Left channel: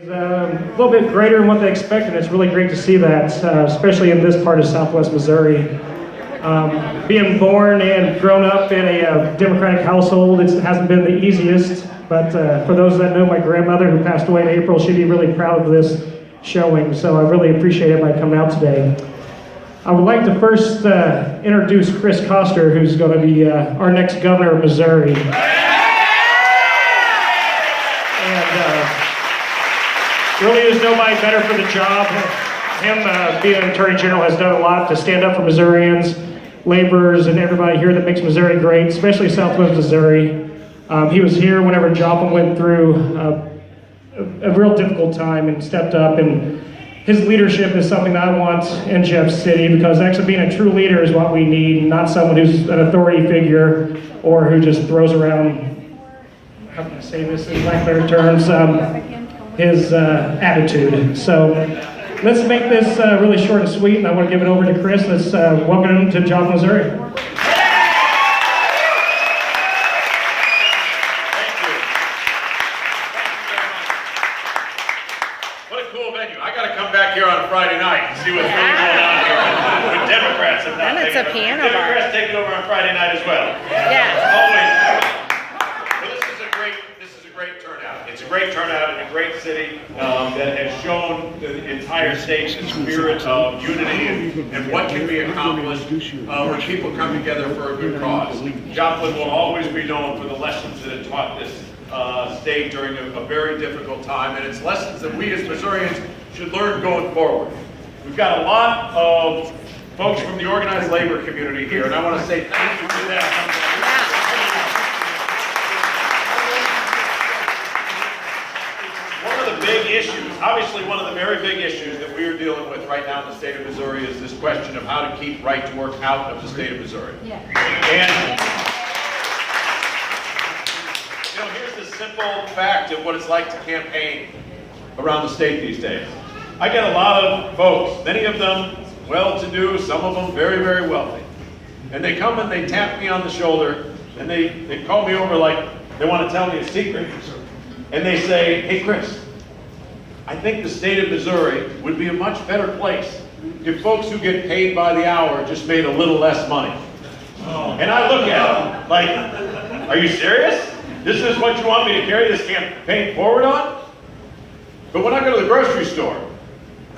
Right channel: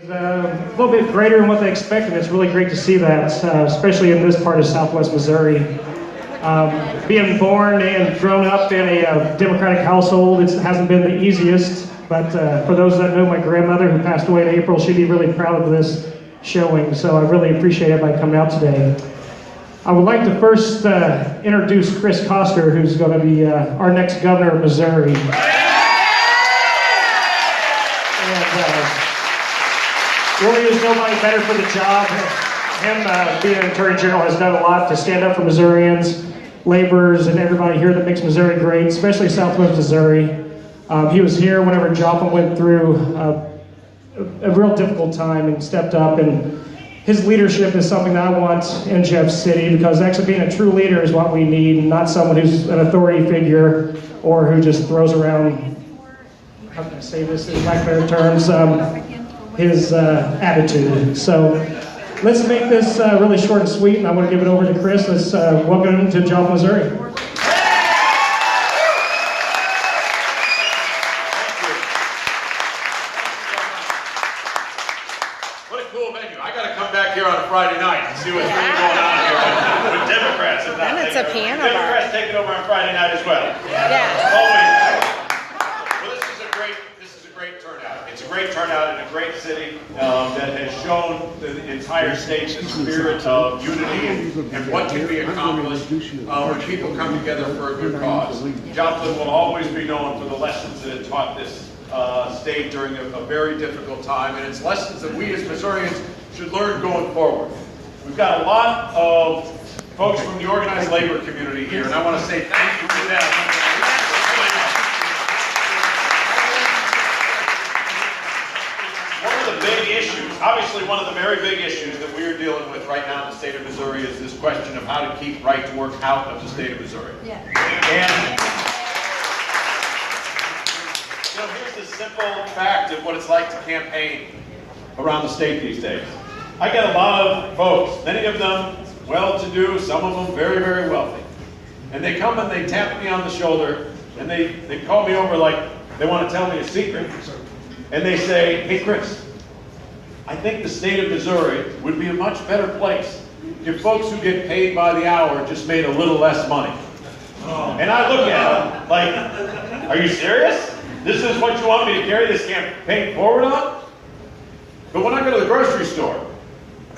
A little bit greater than what they expected. It's really great to see that, especially in this part of Southwest Missouri. Being born and grown up in a Democratic household, it hasn't been the easiest, but for those that know my grandmother who passed away in April, she'd be really proud of this showing, so I really appreciate everybody coming out today. I would like to first introduce Chris Koster, who's going to be our next governor of Missouri. Really is nobody better for the job. Him being an Attorney General has done a lot to stand up for Missourians, laborers, and everybody here that makes Missouri great, especially Southwest Missouri. He was here whenever Joplin went through a real difficult time and stepped up, and his leadership is something that I want in Jeff City, because actually being a true leader is what we need, not someone who's an authority figure or who just throws around, how can I say this in lack of better terms, his attitude. So let's make this really short and sweet, and I want to give it over to Chris. Let's welcome him to Joplin, Missouri. What a cool venue. I got to come back here on a Friday night and see what's going on here with Democrats. Then it's a piano bar. Democrats taking over on Friday night as well. Yeah. Always. Well, this is a great turnout. It's a great turnout in a great city that has shown the entire state the spirit of unity and what can be accomplished when people come together for a good cause. Joplin will always be known for the lessons that it taught this state during a very difficult time, and it's lessons that we as Missourians should learn going forward. We've got a lot of folks from the organized labor community here, and I want to say thank you to them. One of the big issues, obviously one of the very big issues that we are dealing with right now in the state of Missouri is this question of how to keep right to work out of the state of Missouri. Yeah. And you know, here's the simple fact of what it's like to campaign around the state these days. I get a lot of folks, many of them well-to-do, some of them very, very wealthy. And they come and they tap me on the shoulder, and they call me over like they want to tell me a secret. And they say, hey Chris, I think the state of Missouri would be a much better place if folks who get paid by the hour just made a little less money. And I look at them like, are you serious? This is what you want me to carry this campaign forward on? But when I go to the grocery store,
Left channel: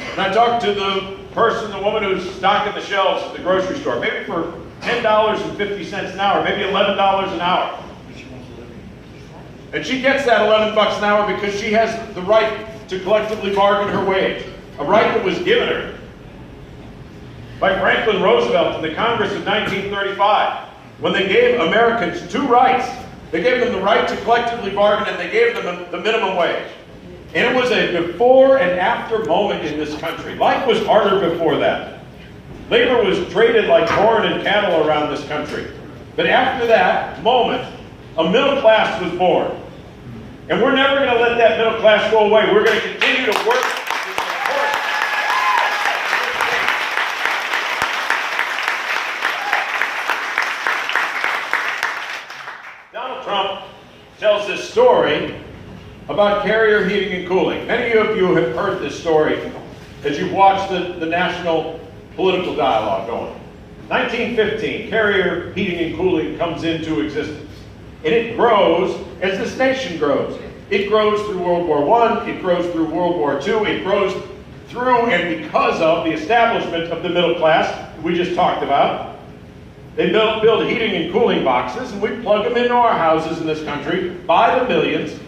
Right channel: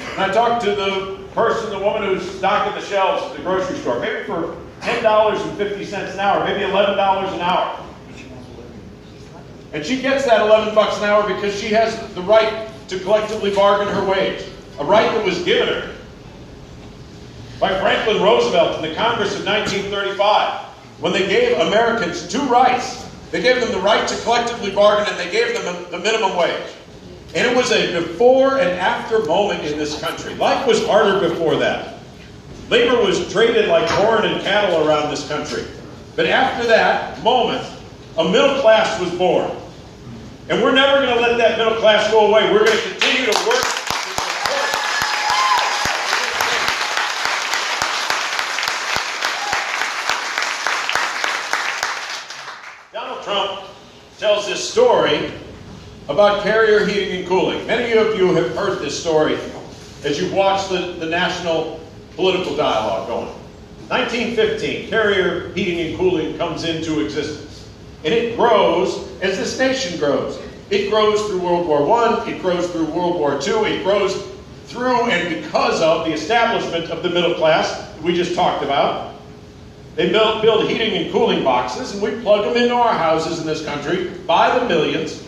and I talk to the woman who's stocking the shelves at the grocery store, maybe for $10.50 an hour, maybe $11 an hour. And she gets that 11 bucks an hour because she has the right to collectively bargain her wage, a right that was given her by Franklin Roosevelt in the Congress of 1935, when they gave Americans two rights. They gave them the right to collectively bargain, and they gave them the minimum wage. And it was a before and after moment in this country. Life was harder before that. Labor was traded like corn and cattle around this country. But after that moment, a middle class was born. And we're never going to let that middle class go away. We're going to continue to work to support. Donald Trump tells this story about Carrier Heating and Cooling. Many of you have heard this story as you've watched the national political dialogue going. 1915, Carrier Heating and Cooling comes into existence. And it grows as this nation grows. It grows through World War I, it grows through World War II, it grows through and because of the establishment of the middle class we just talked about. They build heating and cooling boxes, and we plug them into our houses in this country by the millions.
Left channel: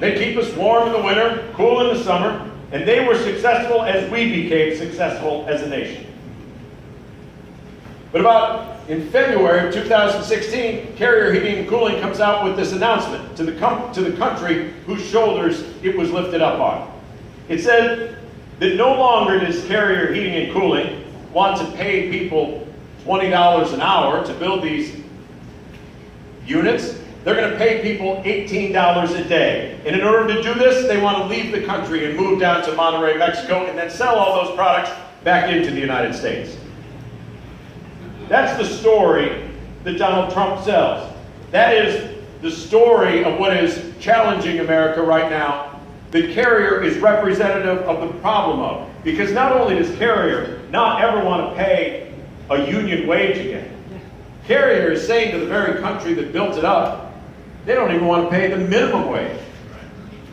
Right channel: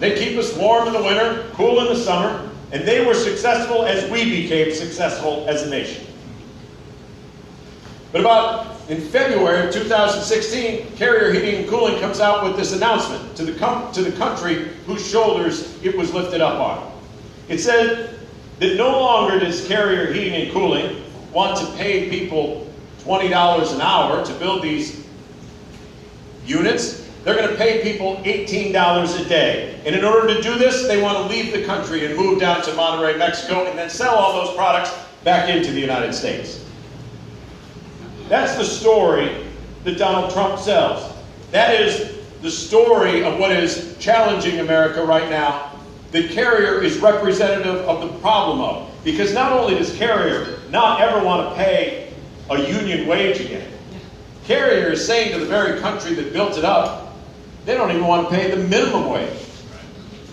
They keep us warm in the winter, cool in the summer, and they were successful as we became successful as a nation. But about in February of 2016, Carrier Heating and Cooling comes out with this announcement to the country whose shoulders it was lifted up on. It said that no longer does Carrier Heating and Cooling want to pay people $20 an hour to build these units. They're going to pay people $18 a day. And in order to do this, they want to leave the country and move down to Monterrey, Mexico, and then sell all those products back into the United States. That's the story that Donald Trump sells. That is the story of what is challenging America right now that Carrier is representative of the problem of. Because not only does Carrier not ever want to pay a union wage again, Carrier is saying to the very country that built it up, they don't even want to pay the minimum wage.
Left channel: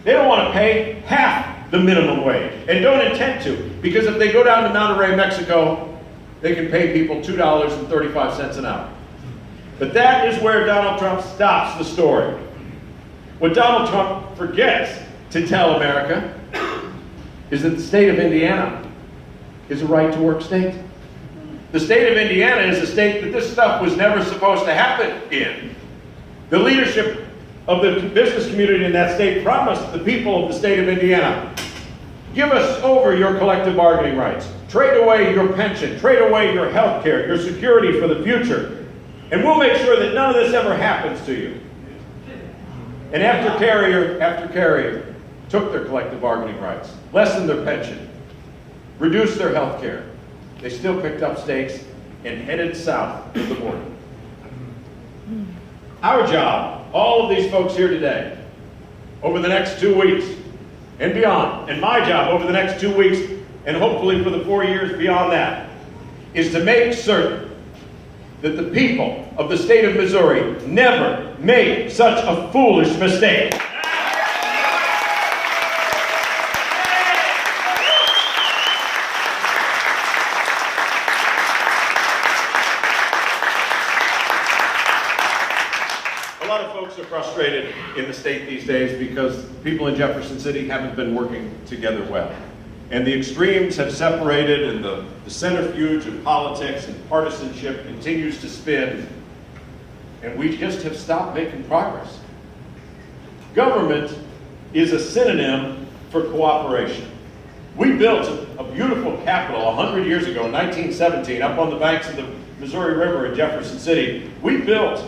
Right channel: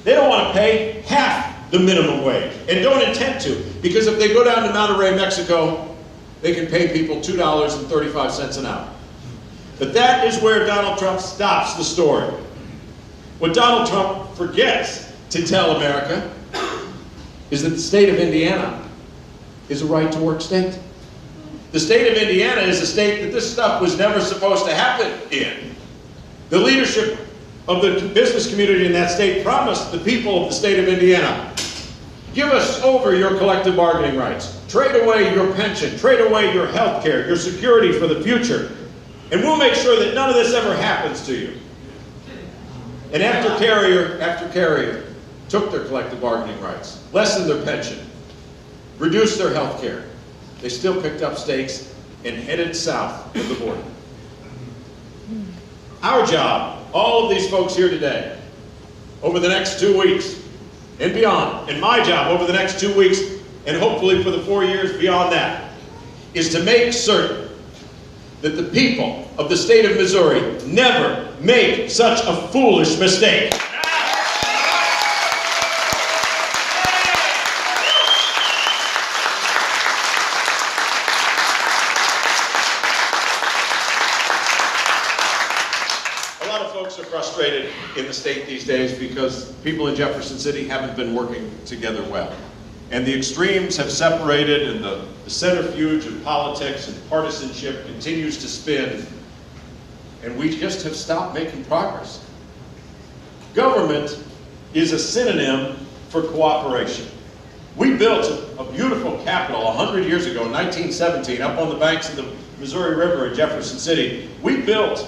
They don't want to pay half the minimum wage, and don't intend to, because if they go down to Monterrey, Mexico, they can pay people $2.35 an hour. But that is where Donald Trump stops the story. What Donald Trump forgets to tell America is that the state of Indiana is a right-to-work state. The state of Indiana is a state that this stuff was never supposed to happen in. The leadership of the business community in that state promised the people of the state of Indiana, give us over your collective bargaining rights, trade away your pension, trade away your health care, your security for the future, and we'll make sure that none of this ever happens to you. And after Carrier took their collective bargaining rights, lessened their pension, reduced their health care, they still picked up stakes and headed south of the border. Our job, all of these folks here today, over the next 2 weeks and beyond, and my job over the next 2 weeks and hopefully for the 4 years beyond that, is to make certain that the people of the state of Missouri never make such a foolish mistake. A lot of folks are frustrated in the state these days because people in Jefferson City haven't been working together well. And the extremes have separated, and the centrifuge of politics and partisanship continues to spin, and we just have stopped making progress. Government is a synonym for cooperation. We built a beautiful capitol 100 years ago, in 1917, up on the banks of the Missouri River in Jefferson City. We built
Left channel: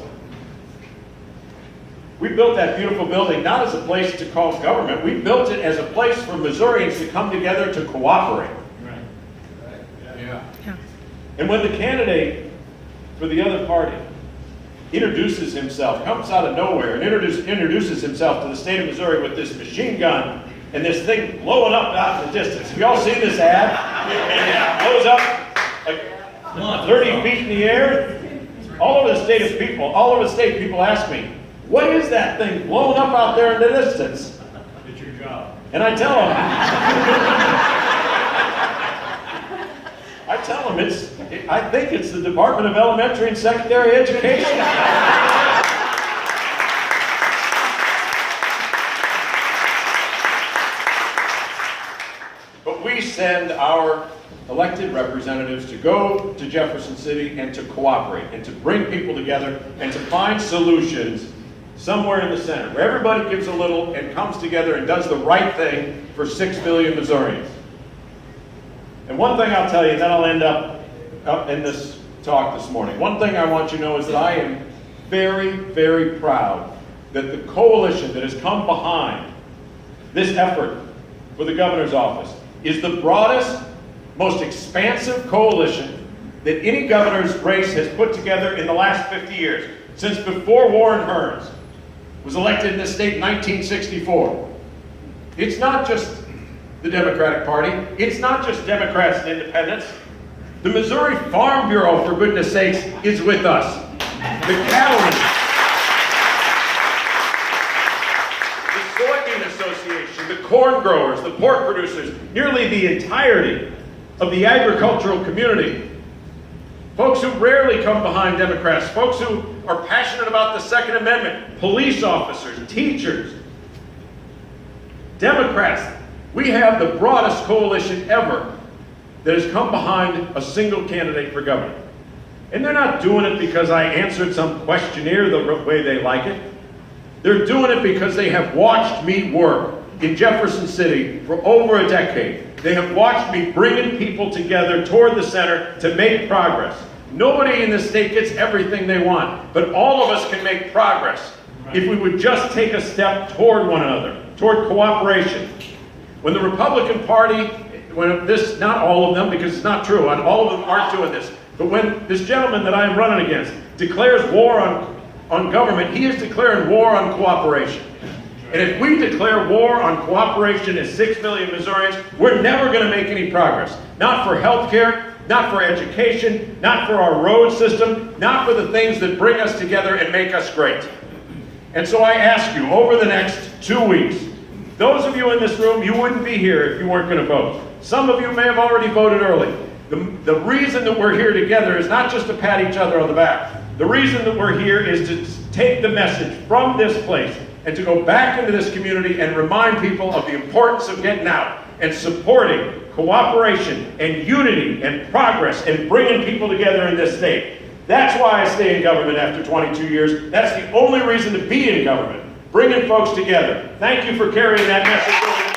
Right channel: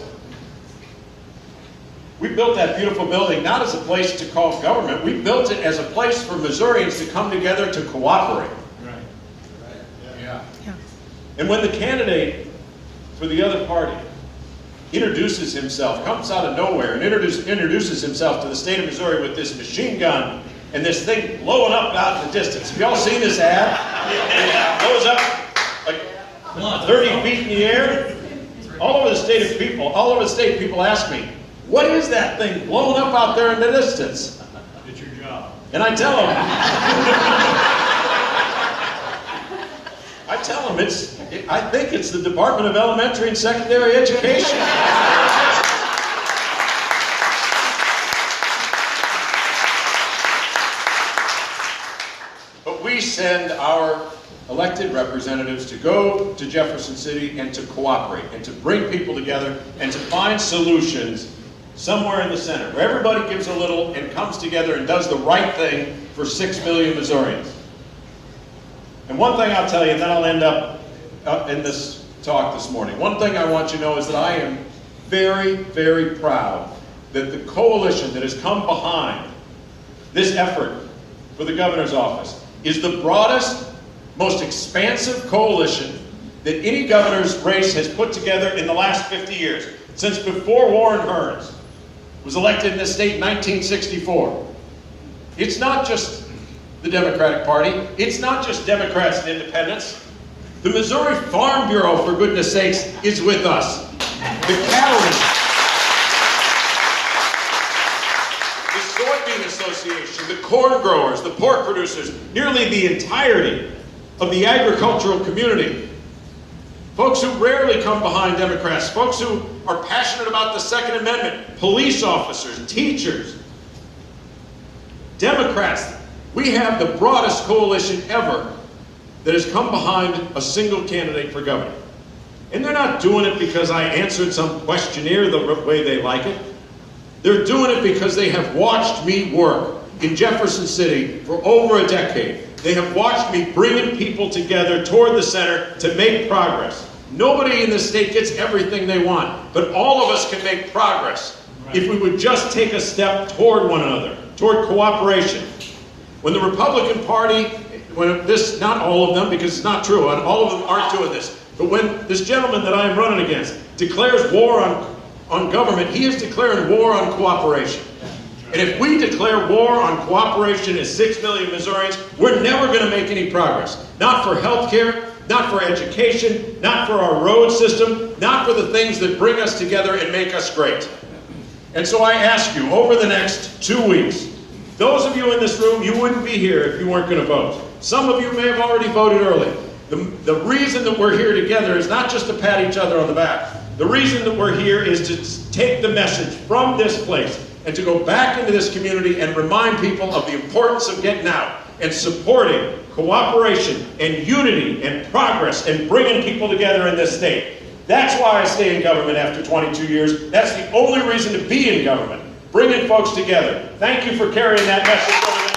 that beautiful building not as a place to call government. We built it as a place for Missourians to come together to cooperate. Right. Yeah. And when the candidate for the other party introduces himself, comes out of nowhere and introduces himself to the state of Missouri with this machine gun and this thing blowing up out in the distance. Have you all seen this ad? It blows up like 30 feet in the air. All over the state, people ask me, what is that thing blowing up out there in the distance? It's your job. And I tell them, I think it's the Department of Elementary and Secondary Education. But we send our elected representatives to go to Jefferson City and to cooperate and to bring people together and to find solutions somewhere in the center, where everybody gives a little and comes together and does the right thing for 6 million Missourians. And one thing I'll tell you, and then I'll end up in this talk this morning. One thing I want you to know is that I am very, very proud that the coalition that has come behind this effort for the governor's office is the broadest, most expansive coalition that any governor's race has put together in the last 50 years, since before Warren Hearns was elected in this state in 1964. It's not just the Democratic Party. It's not just Democrats and independents. The Missouri Farm Bureau, for goodness sakes, is with us. The cattlemen, the Soybean Association, the corn growers, the pork producers, nearly the entirety of the agricultural community. Folks who rarely come behind Democrats, folks who are passionate about the Second Amendment, police officers, teachers, Democrats. We have the broadest coalition ever that has come behind a single candidate for governor. And they're not doing it because I answered some questionnaire the way they like it. They're doing it because they have watched me work in Jefferson City for over a decade. They have watched me bringing people together toward the center to make progress. Nobody in this state gets everything they want, but all of us can make progress if we would just take a step toward one another, toward cooperation. When the Republican Party, not all of them, because it's not true, and all of them aren't doing this, but when this gentleman that I'm running against declares war on government, he is declaring war on cooperation. And if we declare war on cooperation as 6 million Missourians, we're never going to make any progress. Not for health care, not for education, not for our road system, not for the things that bring us together and make us great. And so I ask you, over the next 2 weeks, those of you in this room, you wouldn't be here if you weren't going to vote. Some of you may have already voted early. The reason that we're here together is not just to pat each other on the back. The reason that we're here is to take the message from this place and to go back into this community and remind people of the importance of getting out and supporting cooperation and unity and progress and bringing people together in this state. That's why I stay in government after 22 years. That's the only reason to be in government, bringing folks together. Thank you for carrying that message over.